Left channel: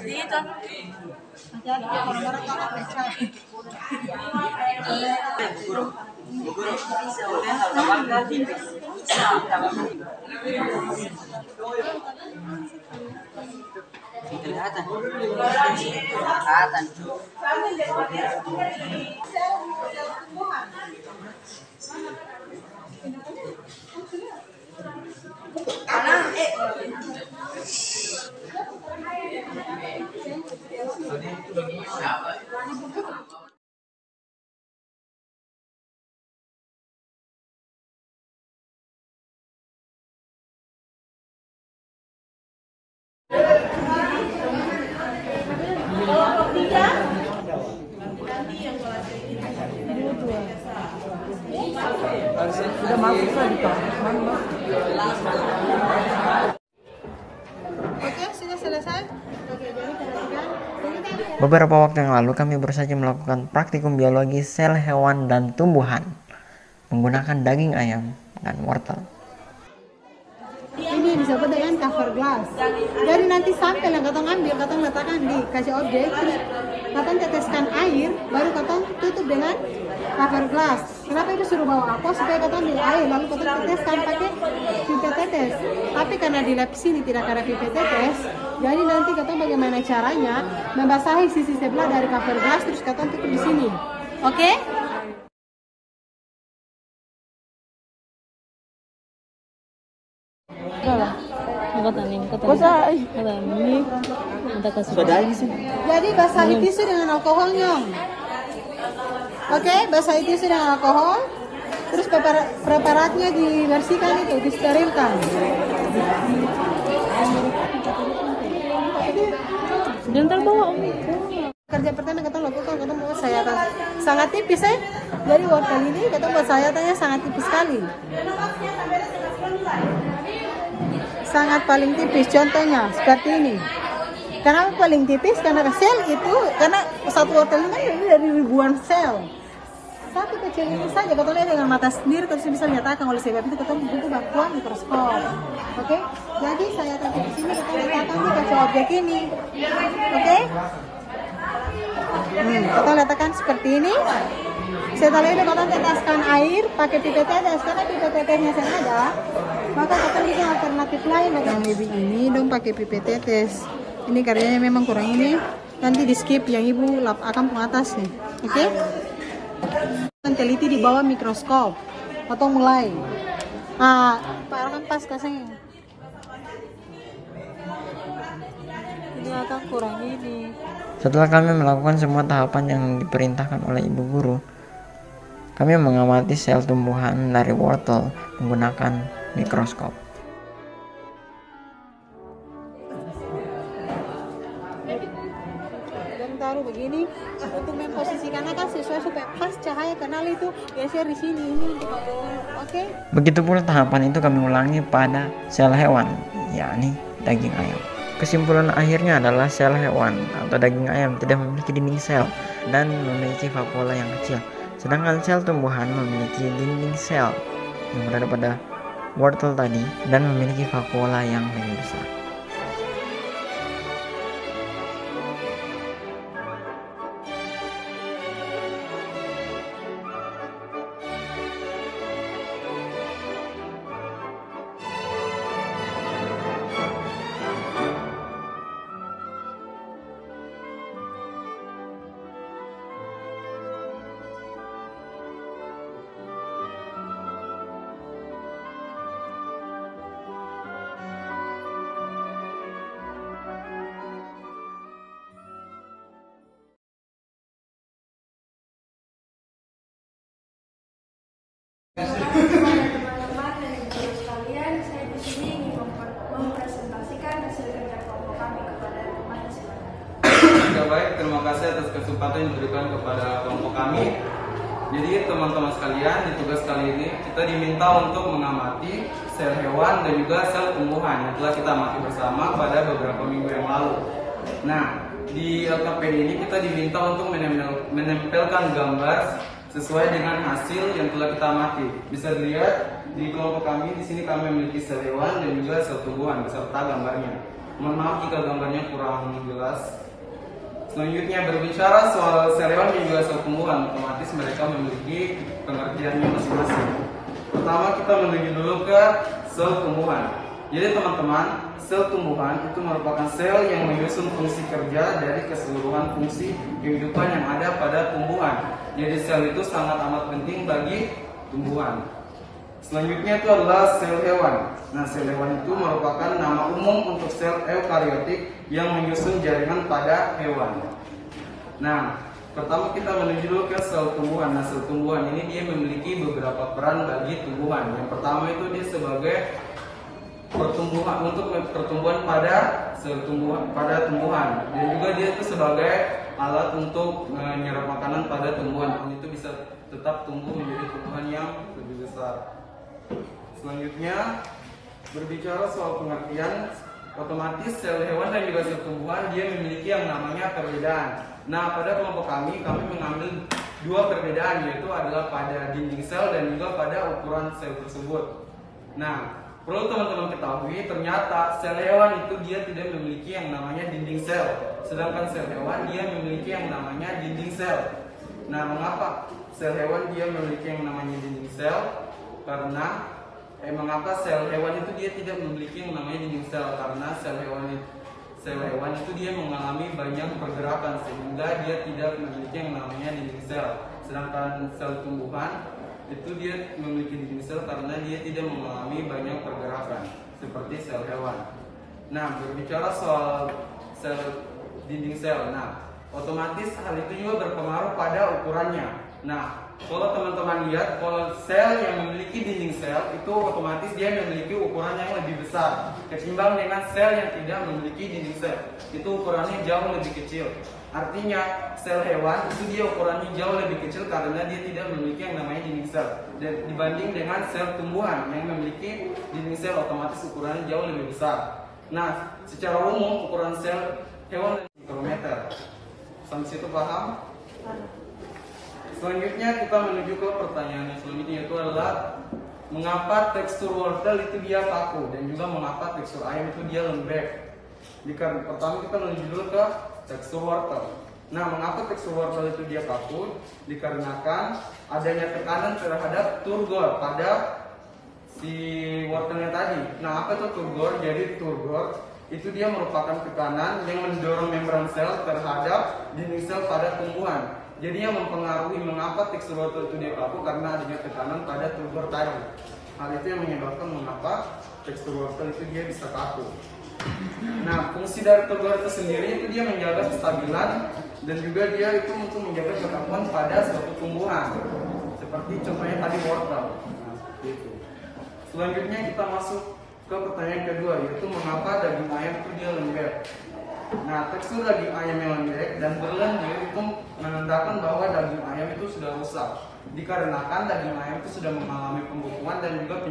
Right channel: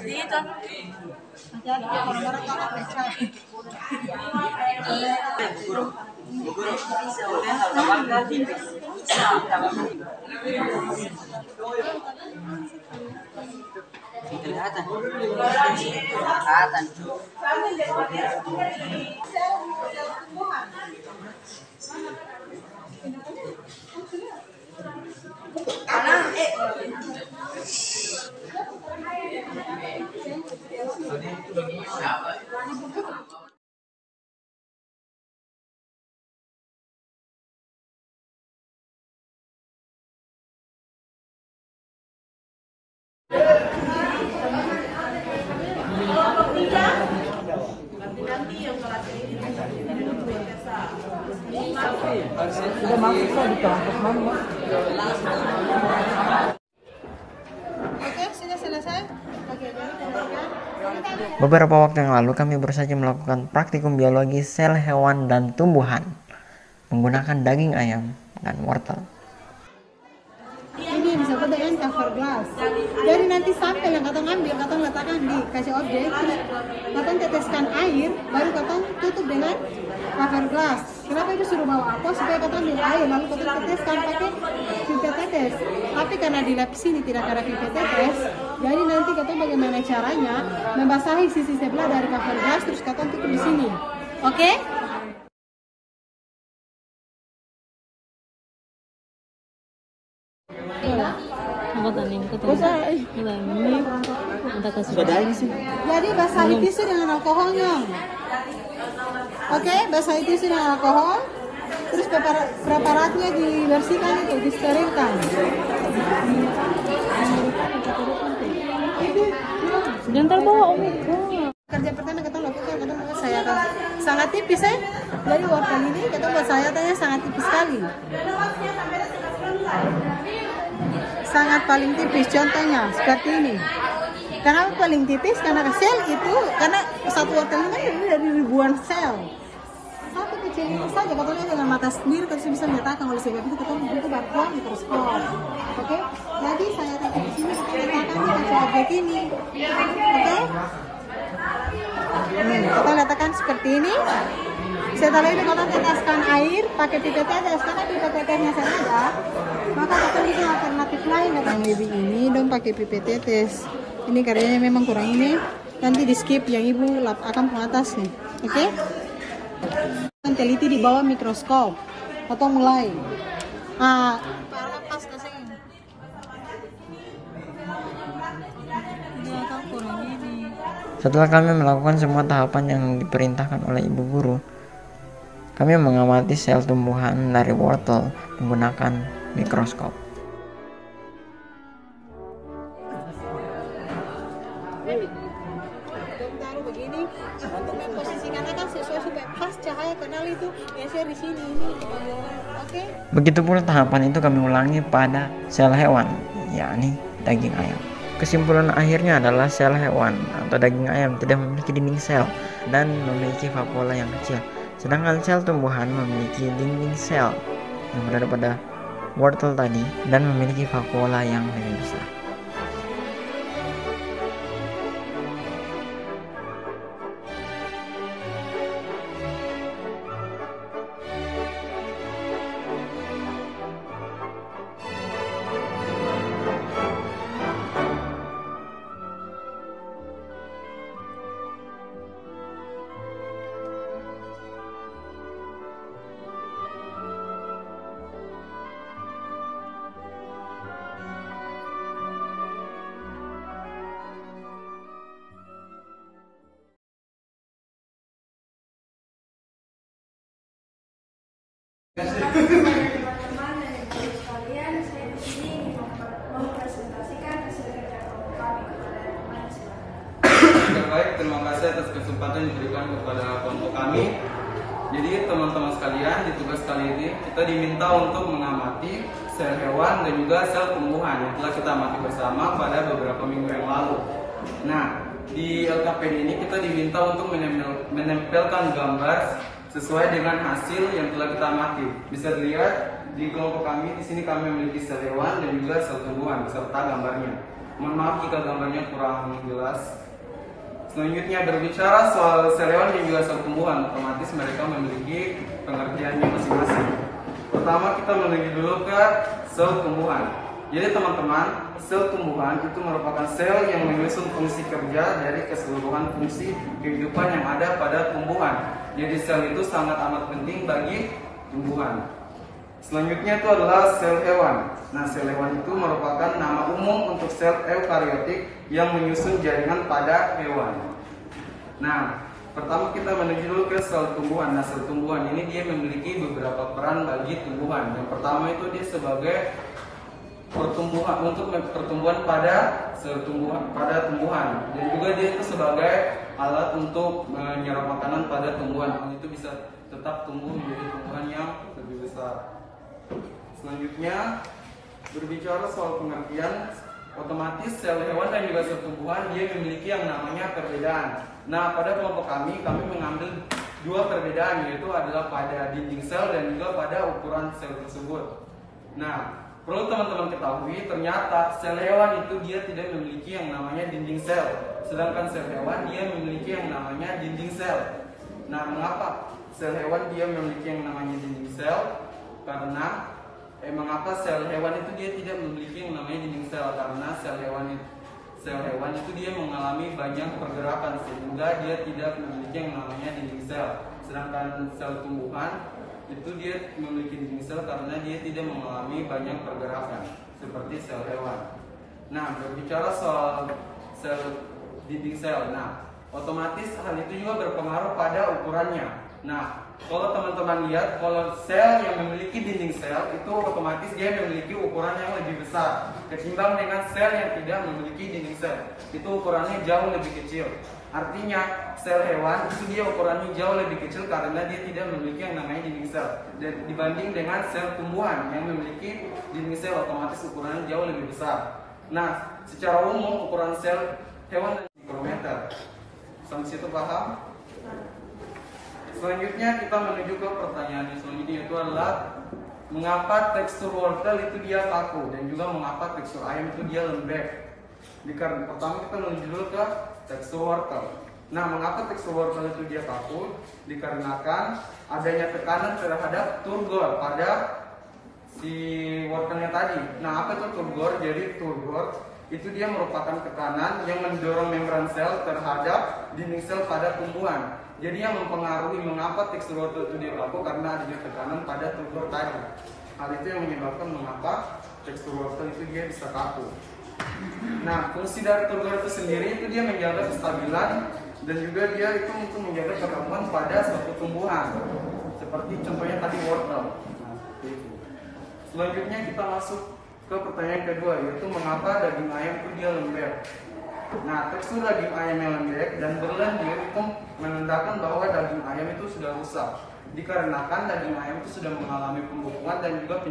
Di itu. Kelihatan. Kelihatan. Sudah masuk di kelas mana? Oke, sudah selesai. Oke, jadi perhatikan. Beberapa waktu yang lalu kami baru saja melakukan praktikum biologi sel hewan dan tumbuhan menggunakan daging ayam dan wortel. Ini disebut dengan cover glass. Jadi nanti sampel yang katong ambil, katong letakkan di kasih objek, terus katong teteskan air, baru katong tutup dengan cover glass. Kenapa itu suruh bawa aqua? Supaya katong ambil air, lalu katong teteskan pakai pipet tetes. Tapi karena di lab sini tidak ada pipet tetes, jadi nanti katong bagaimana caranya membasahi sisi sebelah dari cover glass, terus katong tutup di sini. Oke? Jadi basahi tisu dengan alkoholnya. Oke, basahi tisu dengan alkohol. Terus preparatnya dibersihkan itu, disterilkan. Jangan terbawa Om. Kerja pertama kita lakukan, kita buat sayatan sangat tipis ya. Jadi wortel ini kita buat sayatannya sangat tipis sekali. Sangat paling tipis, contohnya seperti ini. Kenapa paling tipis? Karena sel itu, karena satu wortel ini kan dari ribuan sel. Tapi kecil ini saja, kita lihat dengan mata sendiri, kita bisa menyatakan oleh sebab itu kita butuh bantuan mikroskop. Oke? Jadi saya taruh di sini, kita letakkan di objek ini. Oke? Kita letakkan seperti ini. Setelah itu kita teteskan air pakai pipet tetes, karena pipet tetesnya saya ada. Maka kita bikin alternatif lain dengan baby ini dong pakai pipet tetes. Ini karyanya memang kurang ini. Nanti di skip yang ibu lap akan pengatas nih. Oke? Teliti di bawah mikroskop. Atau mulai. Parang pas kasih. Ini agak kurang ini. Setelah kami melakukan semua tahapan yang diperintahkan oleh ibu guru, kami mengamati sel tumbuhan dari wortel menggunakan mikroskop. Dan taruh begini untuk memposisikannya kan sesuai supaya pas cahaya kanal itu geser di sini ini. Oke? Begitu pula tahapan itu kami ulangi pada sel hewan, yakni daging ayam. Kesimpulan akhirnya adalah sel hewan atau daging ayam tidak memiliki dinding sel dan memiliki vakuola yang kecil. Sedangkan sel tumbuhan memiliki dinding sel yang berada pada wortel tadi dan memiliki vakuola yang lebih besar. Teman-teman dan ibu sekalian, saya di sini ingin mempresentasikan hasil kerja kelompok kami kepada teman silakan. Baik, terima kasih atas kesempatan yang diberikan kepada kelompok kami. Jadi teman-teman sekalian, di tugas kali ini kita diminta untuk mengamati sel hewan dan juga sel tumbuhan yang telah kita amati bersama pada beberapa minggu yang lalu. Nah, di LKPD ini kita diminta untuk menempelkan gambar sesuai dengan hasil yang telah kita amati. Bisa dilihat di kelompok kami, di sini kami memiliki sel hewan dan juga sel tumbuhan beserta gambarnya. Mohon maaf jika gambarnya kurang jelas. Selanjutnya berbicara soal sel hewan dan juga sel tumbuhan, otomatis mereka memiliki pengertiannya masing-masing. Pertama kita menuju dulu ke sel tumbuhan. Jadi teman-teman, sel tumbuhan itu merupakan sel yang menyusun fungsi kerja dari keseluruhan fungsi kehidupan yang ada pada tumbuhan. Jadi sel itu sangat amat penting bagi tumbuhan. Selanjutnya itu adalah sel hewan. Nah, sel hewan itu merupakan nama umum untuk sel eukariotik yang menyusun jaringan pada hewan. Nah, pertama kita menuju dulu ke sel tumbuhan. Nah, sel tumbuhan ini dia memiliki beberapa peran bagi tumbuhan. Yang pertama itu dia sebagai pertumbuhan, untuk pertumbuhan pada sel tumbuhan, dan juga dia itu sebagai alat untuk menyerap makanan pada tumbuhan. Hal itu bisa tetap tumbuh menjadi tumbuhan yang lebih besar. Selanjutnya berbicara soal pengertian, otomatis sel hewan dan juga sel tumbuhan dia memiliki yang namanya perbedaan. Nah, pada kelompok kami mengambil dua perbedaan, yaitu adalah pada dinding sel dan juga pada ukuran sel tersebut. Nah, perlu teman-teman ketahui, ternyata sel hewan itu dia tidak memiliki yang namanya dinding sel, sedangkan sel hewan dia memiliki yang namanya dinding sel. Nah, mengapa sel hewan dia memiliki yang namanya dinding sel? Mengapa sel hewan itu dia tidak memiliki yang namanya dinding sel? Karena sel hewan itu dia mengalami banyak pergerakan sehingga dia tidak memiliki yang namanya dinding sel. Sedangkan sel tumbuhan itu dia memiliki dinding sel karena dia tidak mengalami banyak pergerakan seperti sel hewan. Nah, berbicara soal sel dinding sel, nah otomatis hal itu juga berpengaruh pada ukurannya. Nah, kalau teman-teman lihat, kalau sel yang memiliki dinding sel itu otomatis dia memiliki ukuran yang lebih besar ketimbang dengan sel yang tidak memiliki dinding sel. Itu ukurannya jauh lebih kecil. Artinya sel hewan itu dia ukurannya jauh lebih kecil karena dia tidak memiliki yang namanya dinding sel. Dan dibanding dengan sel tumbuhan yang memiliki dinding sel, otomatis ukurannya jauh lebih besar. Nah, secara umum ukuran sel hewan mikrometer. Sampai situ paham? Selanjutnya kita menuju ke pertanyaan yang selanjutnya, yaitu adalah mengapa tekstur wortel itu dia kaku dan juga mengapa tekstur ayam itu dia lembek. Pertama kita menuju dulu ke tekstur wortel. Nah, mengapa tekstur wortel itu dia kaku? Dikarenakan adanya tekanan terhadap turgor pada si wortelnya tadi. Nah, apa itu turgor? Jadi turgor itu dia merupakan tekanan yang mendorong membran sel terhadap dinding sel pada tumbuhan. Jadi yang mempengaruhi mengapa tekstur wortel itu dia kaku karena adanya tekanan pada turgor tadi. Hal itu yang menyebabkan mengapa tekstur wortel itu dia bisa kaku. Nah, fungsi dari turgor itu sendiri itu dia menjaga kestabilan dan juga dia itu untuk menjaga kekakuan pada suatu tumbuhan. Seperti contohnya tadi wortel. Nah, seperti itu. Selanjutnya kita masuk ke pertanyaan kedua, yaitu mengapa daging ayam itu dia lembek. Nah, tekstur daging ayam yang lembek dan berlendir itu menandakan bahwa daging ayam itu sudah rusak. Dikarenakan daging ayam itu sudah mengalami pembukuan dan juga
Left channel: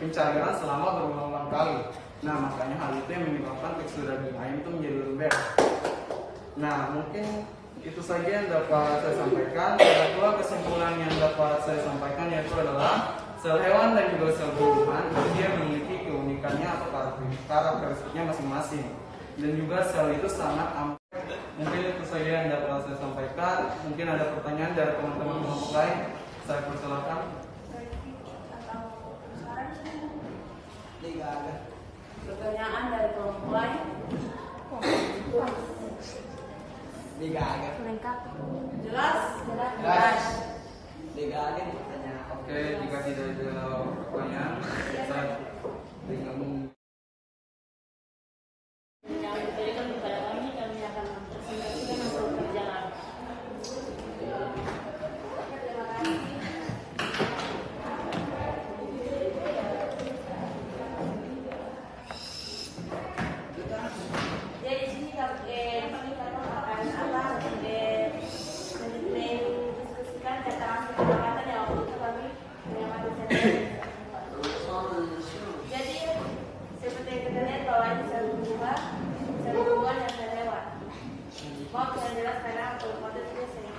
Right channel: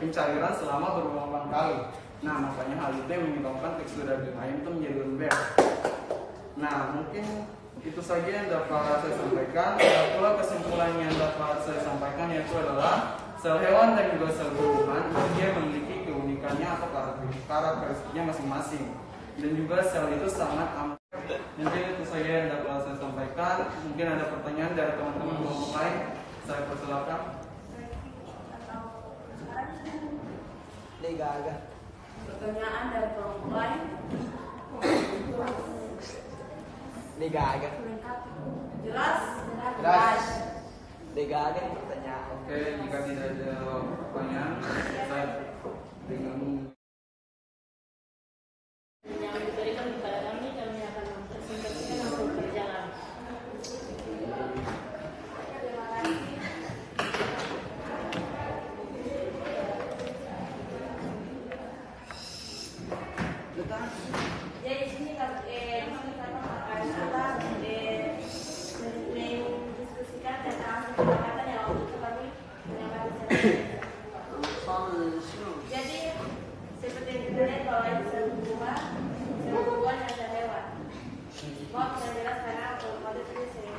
pencairan selama berulang-ulang kali. Nah, makanya hal itu yang menyebabkan tekstur daging ayam itu menjadi lembek. Nah, mungkin itu saja yang dapat saya sampaikan. Ada pula kesimpulan yang dapat saya sampaikan, yaitu adalah sel hewan dan juga sel tumbuhan itu dia memiliki keunikannya atau karakteristiknya masing-masing. Dan juga sel itu sangat amat. Mungkin itu saja yang dapat saya sampaikan. Mungkin ada pertanyaan dari teman-teman kelompok lain. Saya persilakan. Pertanyaan dari kelompok lain. Jelas? Jelas. Oke, jika tidak ada pertanyaan, saya dengan yang diberikan kepada kami akan mempresentasikan hasil kerja kami. Jadi di sini kami akan mendiskusikan tentang kesepakatan yang waktu itu kami mengamati. Jadi seperti yang kita lihat bahwa ini sel tumbuhan dan sel hewan. Mau yang jelas karena otomatis itu jadi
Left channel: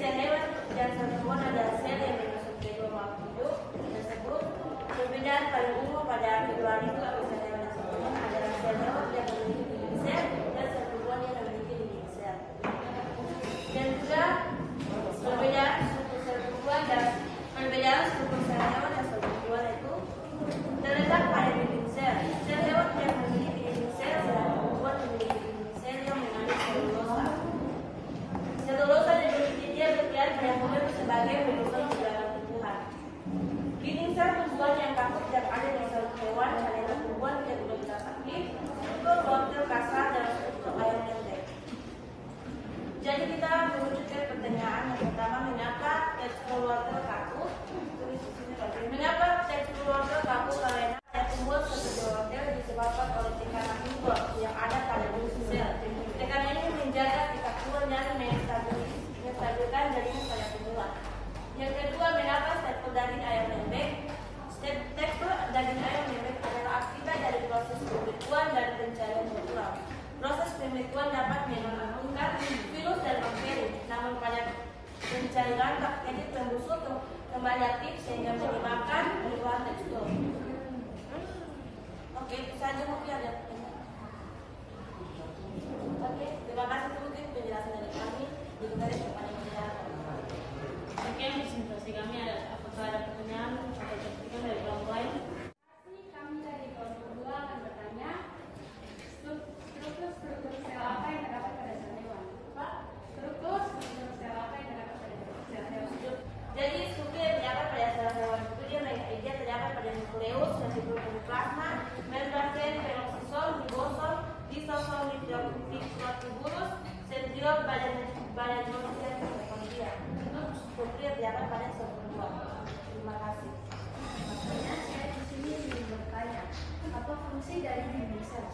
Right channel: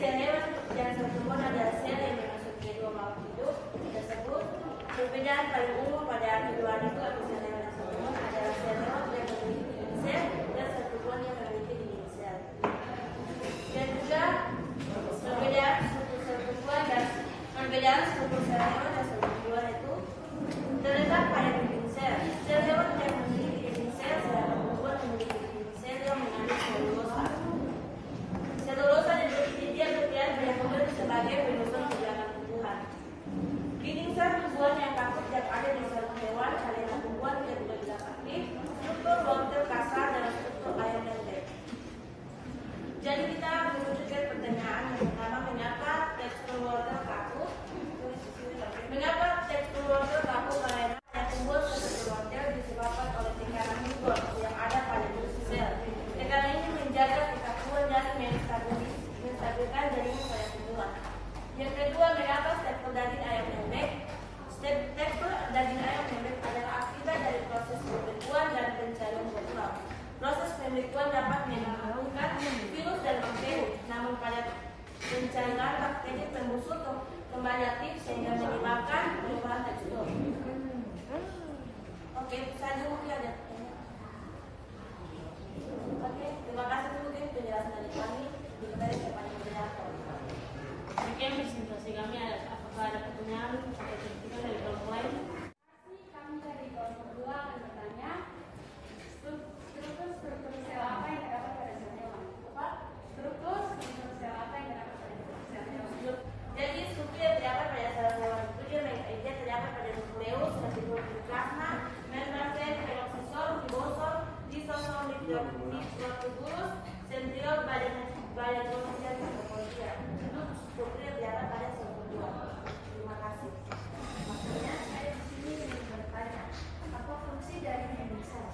sel hewan dan sel tumbuhan adalah sel yang menyusun kedua makhluk hidup tersebut. Perbedaan paling umum hewan itu atau sel hewan yang sempurna adalah sel hewan yang memiliki dinding sel dan sel tumbuhan yang memiliki dinding sel. Dan juga perbedaan struktur sel tumbuhan dan perbedaan struktur sel hewan dan sel tumbuhan itu terletak pada dinding sel. Sel hewan yang memiliki dinding sel sedangkan tumbuhan memiliki dinding sel yang mengandung selulosa. Selulosa dan dia berperan pada tumbuhan sebagai penyusun perjalanan tumbuhan. Dinding sel tumbuhan yang kaku tidak ada di sel hewan karena tumbuhan tidak benar-benar aktif, struktur wortel kasar dan struktur air pendek. Jadi kita menunjukkan pertanyaan yang pertama, mengapa tekstur wortel kaku? Mengapa tekstur wortel kaku? Karena yang tumbuh seperti wortel disebabkan oleh tekanan Newton yang ada pada dinding sel. Tekanan ini menjaga kekakuan dan menstabilkan jaringan pada tumbuhan. Yang kedua, mengapa tekstur daging ayam lembek? Tekstur daging ayam lembek adalah akibat dari proses pembekuan dan pencarian berulang. Proses pembekuan dapat menimbulkan virus dan bakteri, namun pada pencairan bakteri pembusuk kembali aktif sehingga menyebabkan perubahan tekstur. Oke, saja mungkin ada pertanyaan. Oke, terima kasih mungkin penjelasan dari kami. Dikembali kepada penjelasan. Sekian presentasi kami. Apakah ada pertanyaan atau kritikan dari kelompok lain? Kami dari kelompok 2 akan bertanya, struktur sel apa yang terdapat pada sel hewan? Struktur sel apa yang terdapat pada sel hewan? Jadi struktur yang terdapat pada sel hewan itu dia terdapat pada nukleus, retikulum plasma, membran sel, peroksisom, ribosom, lisosom, mikrotubulus, sentriol, badan dan mitokondria. Itu struktur yang terdapat pada sel tumbuhan. Terima kasih. Makanya saya di sini ingin bertanya, apa fungsi dari dinding sel?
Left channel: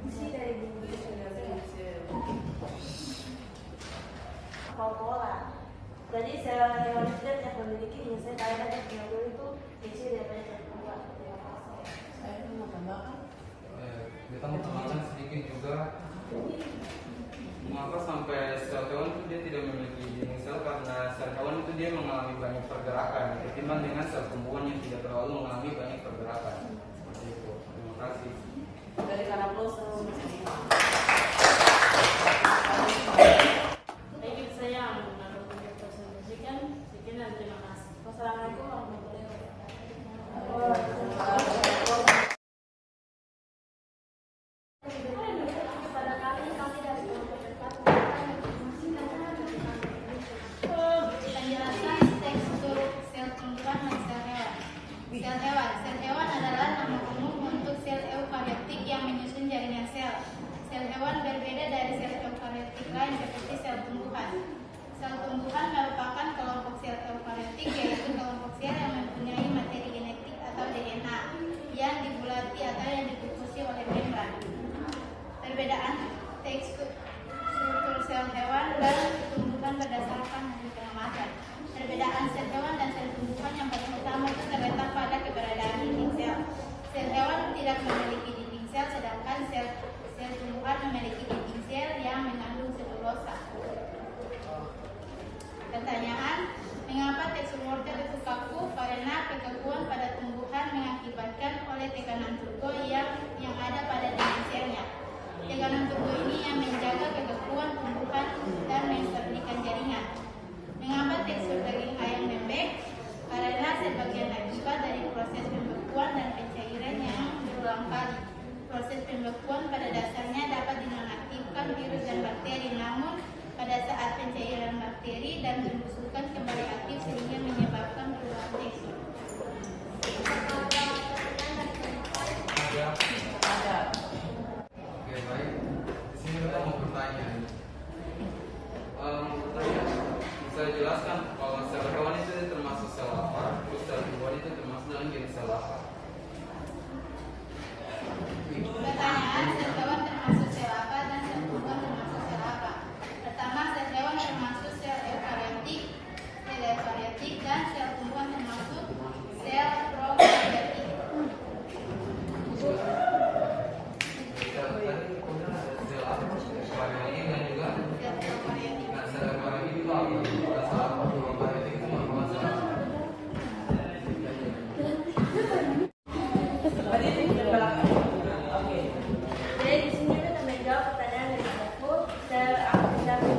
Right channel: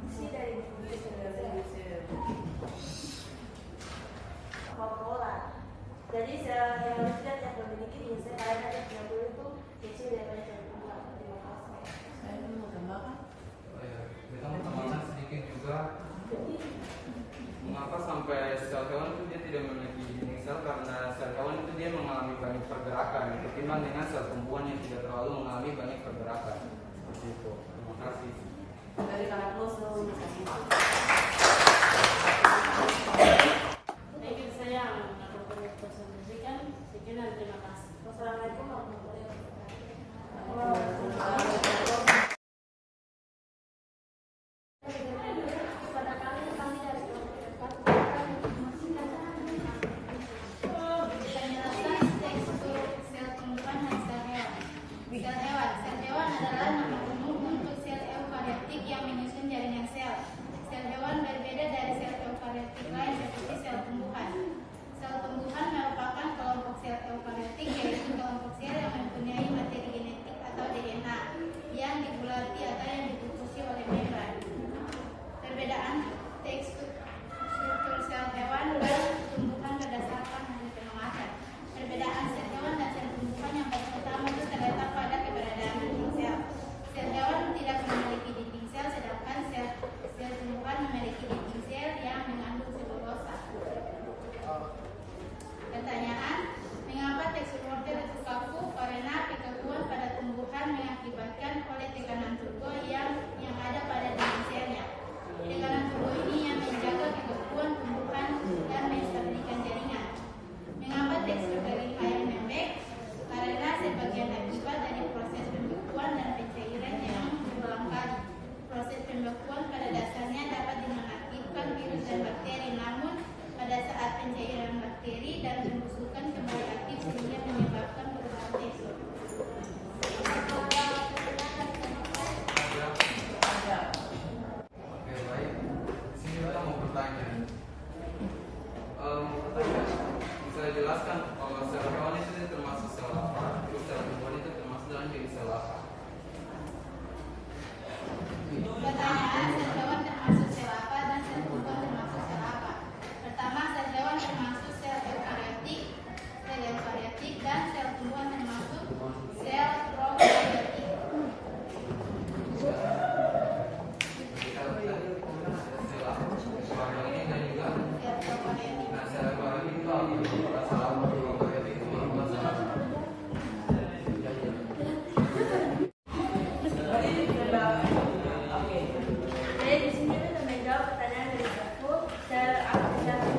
Fungsi dari dinding sel. Pola. Jadi sel hewan itu tidak memiliki dinding sel karena dia punya kulit itu kecil daripada sel tumbuhan. Terima kasih. Saya mau tambahkan. Kita mau tambahkan sedikit juga. Mengapa sampai sel hewan itu dia tidak memiliki dinding sel? Karena sel hewan itu dia mengalami banyak pergerakan ketimbang dengan sel tumbuhan yang tidak terlalu mengalami banyak pergerakan. Seperti itu. Terima kasih. Dari sana proses Baik, itu saya mengambil presentasikan. Sekian dan terima kasih. Wassalamualaikum warahmatullahi wabarakatuh. Pada kali kami dari kelompok 4 Penjelasan tekstur sel tumbuhan dan sel hewan. Sel hewan adalah nama umum untuk sel eukariotik yang menyusun jaringan sel. Sel hewan berbeda dari sel eukariotik lain seperti sel tumbuhan. Sel tumbuhan merupakan kelompok sel eukariotik, yaitu kelompok sel yang mempunyai materi genetik atau DNA yang dibulati atau yang dibukusi oleh membran. Perbedaan tekstur sel hewan dan tumbuhan berdasarkan hasil pengamatan. Perbedaan sel hewan dan sel tumbuhan yang paling utama itu terletak pada keberadaan dinding sel. Sel hewan tidak memiliki dinding sel, sedangkan sel tumbuhan memiliki dinding sel yang mengandung selulosa. Pertanyaan, mengapa tekstur wortel itu kaku? Karena kekakuan pada tumbuhan mengakibatkan oleh tekanan turbo yang ada pada dinding selnya. Tekanan turbo ini yang menjaga kekakuan tumbuhan dan menstabilkan jaringan. Mengapa tekstur daging ayam lembek? Karena sebagian akibat dari proses pembekuan dan pencairan yang berulang kali. Proses pembekuan pada dasarnya dapat dinonaktifkan virus dan bakteri, namun pada saat pencairan bakteri dan pembusukan kembali aktif sehingga menyebabkan perubahan tekstur. Oke, baik. Sini kita mau bertanya. Bisa dijelaskan kalau sel hewan itu termasuk sel apa? Terus sel tumbuhan itu termasuk dalam jenis sel apa? Pertanyaan, sel hewan termasuk sel apa dan sel tumbuhan termasuk sel apa? Pertama, sel hewan termasuk sel eukariotik. Sel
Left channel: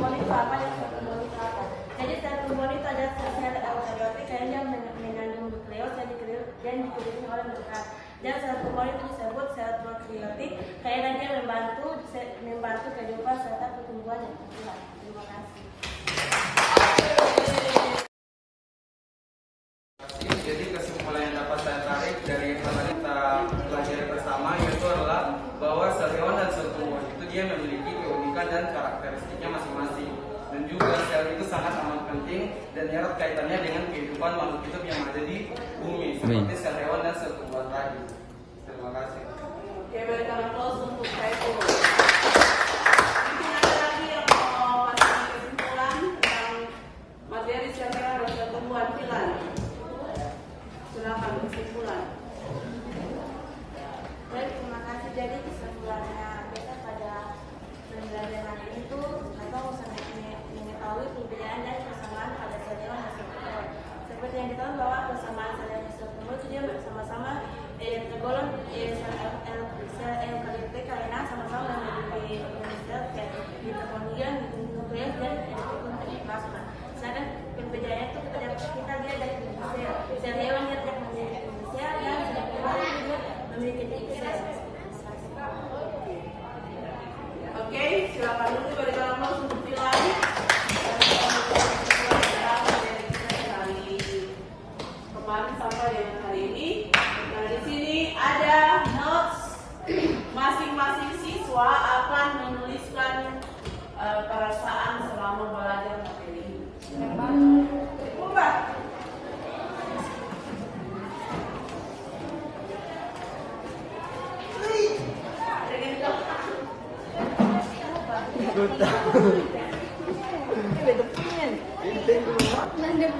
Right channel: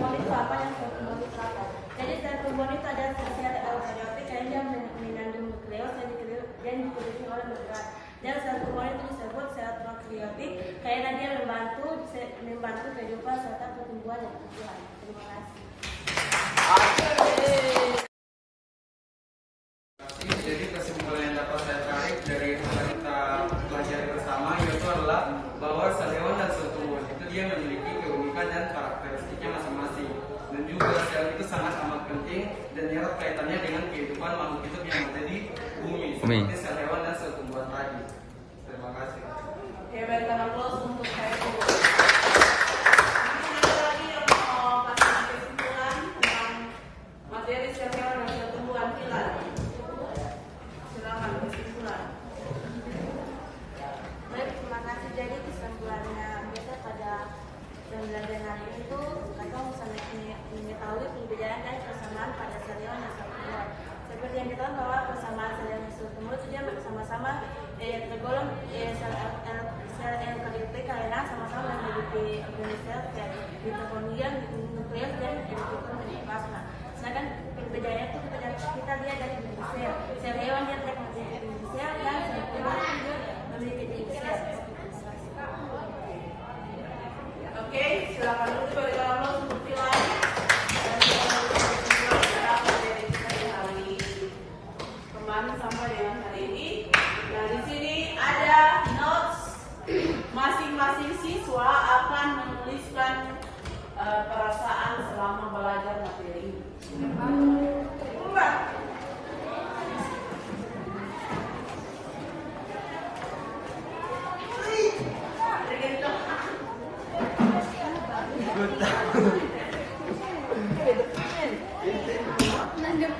tumbuhan itu apa, yang sel tumbuhan itu apa. Jadi sel tumbuhan itu ada sel eukariotik kayak dia mengandung nukleus dan dikelilingi oleh membran. Dan sel tumbuhan itu disebut sel prokaryotik karena dia membantu kehidupan serta pertumbuhan dan tumbuhan. Terima kasih. Jadi kesimpulan yang dapat saya tarik dari apa kita pelajari bersama yaitu adalah bahwa sel hewan dan sel tumbuhan itu dia memiliki keunikan dan karakteristiknya masing-masing, dan juga sel itu sangat amat penting dan erat kaitannya dengan kehidupan makhluk hidup yang ada di bumi seperti sel hewan dan sel tumbuhan tadi. Terima kasih. Oke, berikan aplaus untuk saya. Ada lagi yang mau kasih kesimpulan tentang materi sel hewan dan sel tumbuhan kita? Silakan kesimpulan. Baik, terima kasih. Jadi kesimpulannya kita pada pembelajaran hari itu atau bisa mengetahui perbedaan dan persamaan pada sel hewan dan sel tumbuhan. Seperti yang kita tahu bahwa persamaan sel hewan dan sel tumbuhan itu dia bersama-sama tergolong sel eukariotik karena sama-sama memiliki sel kayak mitokondria, nukleus dan endoplasma. Sedangkan perbedaannya itu kita lihat dari sel hewan yang tidak memiliki sel dan sel tumbuhan juga memiliki sel. Oke, silakan untuk berikan aplaus untuk Tilan. Kemarin sampai yang hari ini. Nah, di sini ada notes. Masing-masing siswa akan menuliskan perasaan selama belajar materi ini. Yang